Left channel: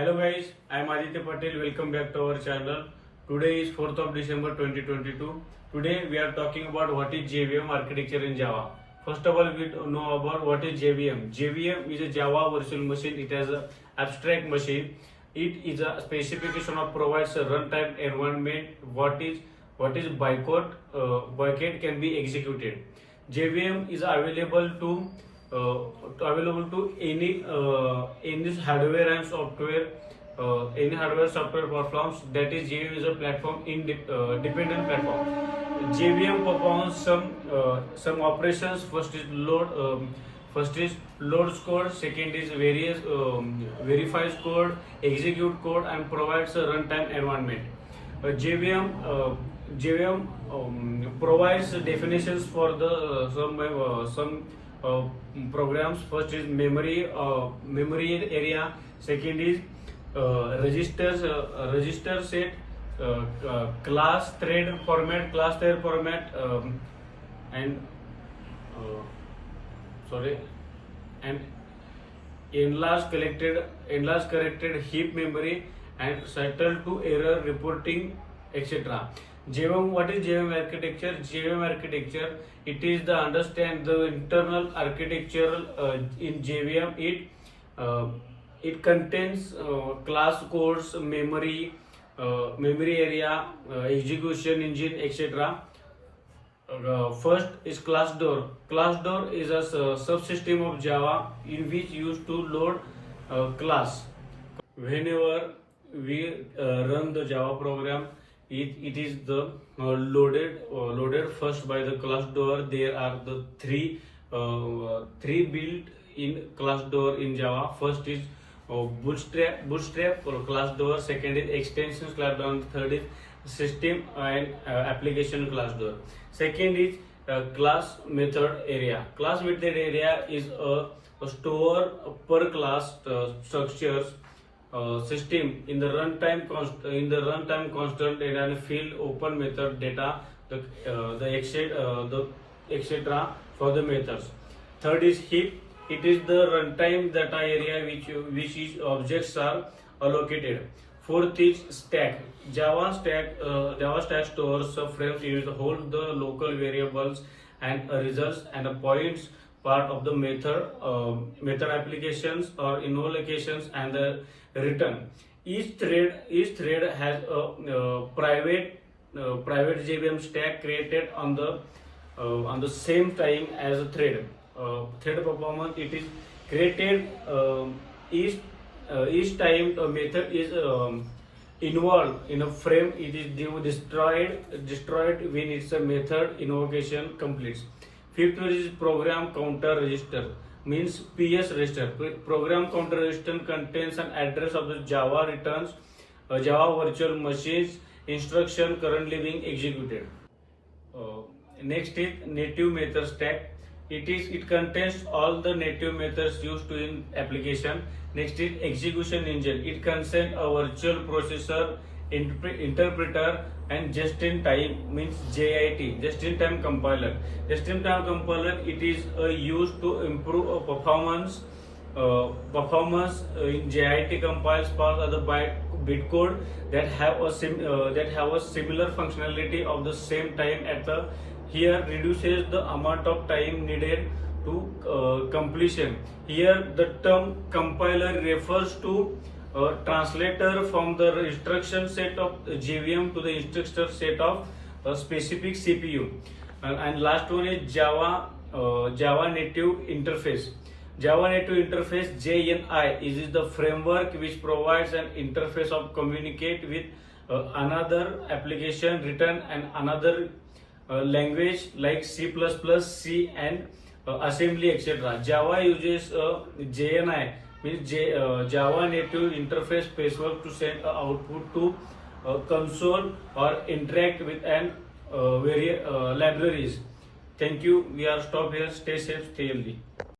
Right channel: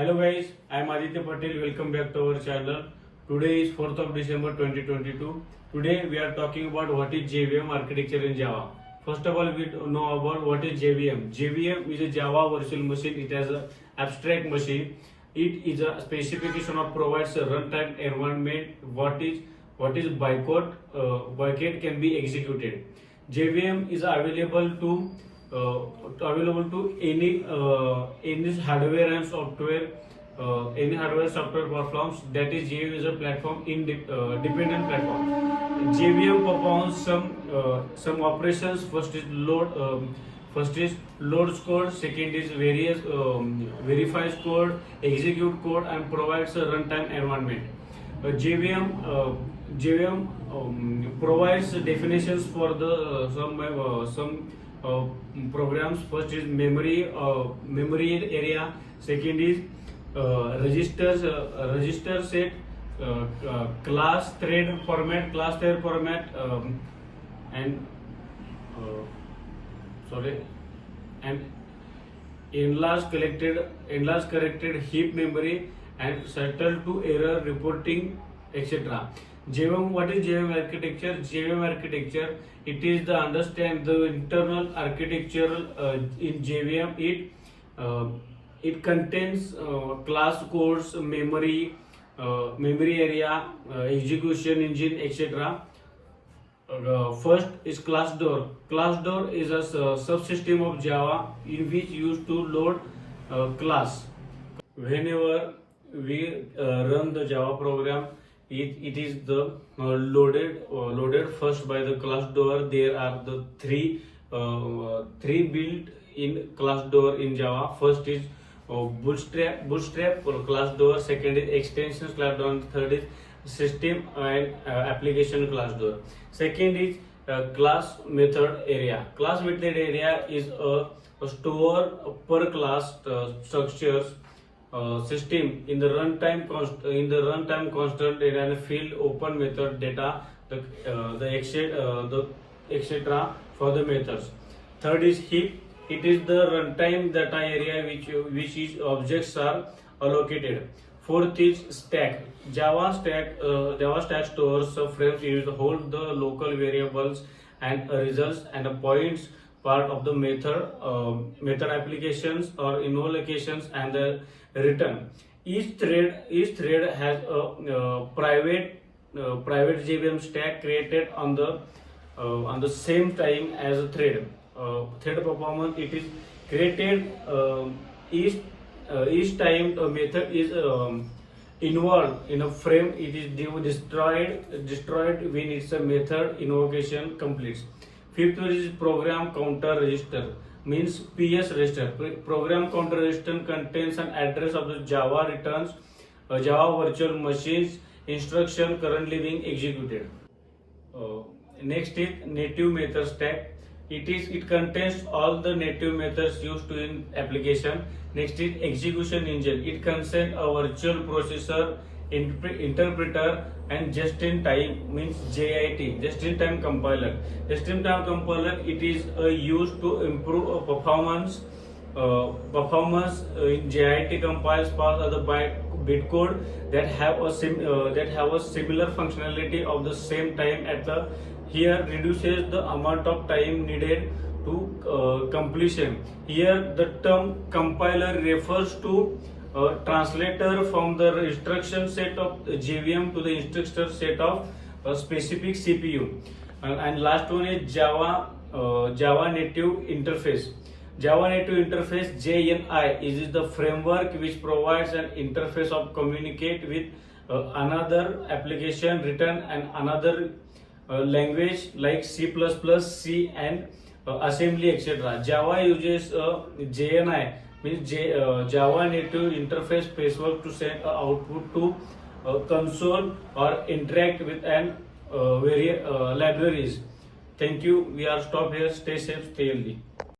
Hello guys, I am Aditya Patel. Welcome back to our channel. Today is 4th of December 2022. Today we are talking about what is JVM architecture in Java. First of all, we know about what is JVM. JVM is a Java virtual machine. It has an abstract machine. It is a specification of provides a runtime environment. What is bytecode? Bytecode can be executed. JVM is available to any hardware and software, any hardware software platforms. That is, JVM is a platform dependent platform. JVM performs some operations. First is loads code. Second is verifies code, execute code, and provides a runtime environment. JVM provides definitions for the some programs. First is memory area. Second is register set, class thread format, and and enlarged corrected heap memory, and settle to error reporting, etc. JVM, what is JVM architecture? JVM architecture, it is the understand the internal architecture in JVM. It contains class codes, memory area, execution engine, etc. First is class door. Class door is a subsystem of Java in which used to load class. Whenever we run the Java program, it is the loaded first by the class door. There are the three built in class door in Java. First is bootstrap class door. Second is extensions class door. And third is system and application class door. Second is class method area. Class method area is a store per class structures system in the runtime constant and field open method data the etc. for the methods. Third is heap. It is the runtime data area which is objects are allocated. Fourth is stack. Java stack stores frames used to hold the local variables and results and points part of the method applications or invocations and the return. Each thread has a private JVM stack created on the same time as a thread. Thread performance, it is created each time a method is involved in a frame. It is destroyed when its a method invocation completes. Fifth one is program counter register, means PS register. Program counter register contains an address of the Java returns Java virtual machines instruction currently being executed. Next is native method stack. It contains all the native methods used to in application. Next is execution engine. It contains a virtual processor, interpreter, and just-in-time, means JIT, just-in-time compiler. Just-in-time compiler, it is used to improve performance. In JIT compiles parts of the bytecode that have a similar functionality of the same time at the here reduces the amount of time needed to completion. Here the term compiler refers to translator from the instruction set of JVM to the instruction set of a specific CPU. And last one is Java native interface. Java native interface, JNI, is the framework which provides an interface of communicate with another application written and another language like C++, C, and assembly, etc. Java uses JNI, means Java native interface framework to send output to console or interact with an various libraries. Thank you. We are stopped here. Stay safe, stay healthy.